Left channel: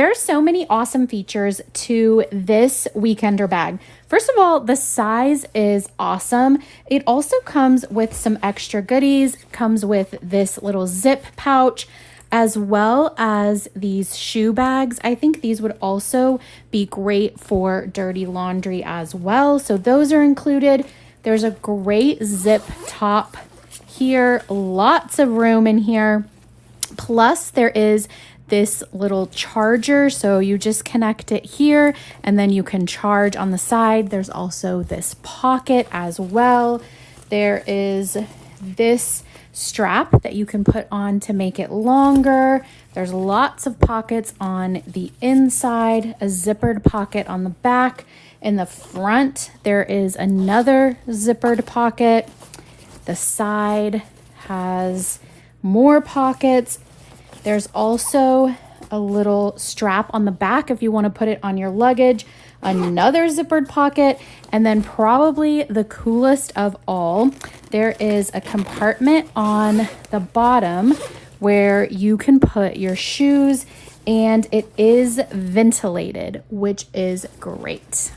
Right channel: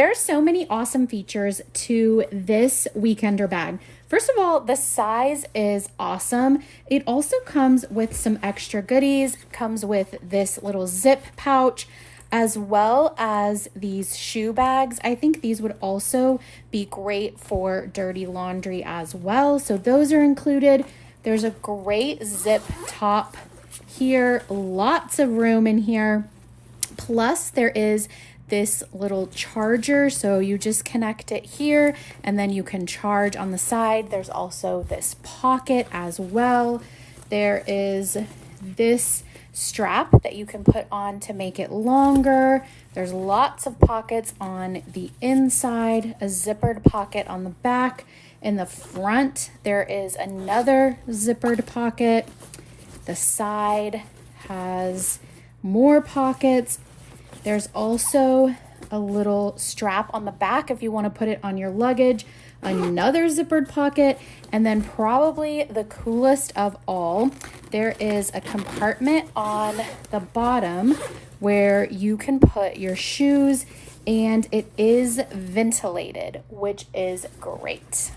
There are so many awesome features to this weekender bag. First of all, the size is awesome. It also comes with some extra goodies, comes with this little zip pouch, as well as these shoe bags. I think these would also be great for dirty laundry as well. So those are included. There's a great zip top here, lots of room in here. Plus there is this little charger, so you just connect it here and then you can charge on the side. There's also this pocket as well. There is this strap that you can put on to make it longer. There's lots of pockets on the inside, a zippered pocket on the back. In the front, there is another zippered pocket. The side has more pockets. There's also a little strap on the back if you want to put it on your luggage, another zippered pocket, and then probably the coolest of all, there is a compartment on the bottom where you can put your shoes, and it is ventilated, which is great.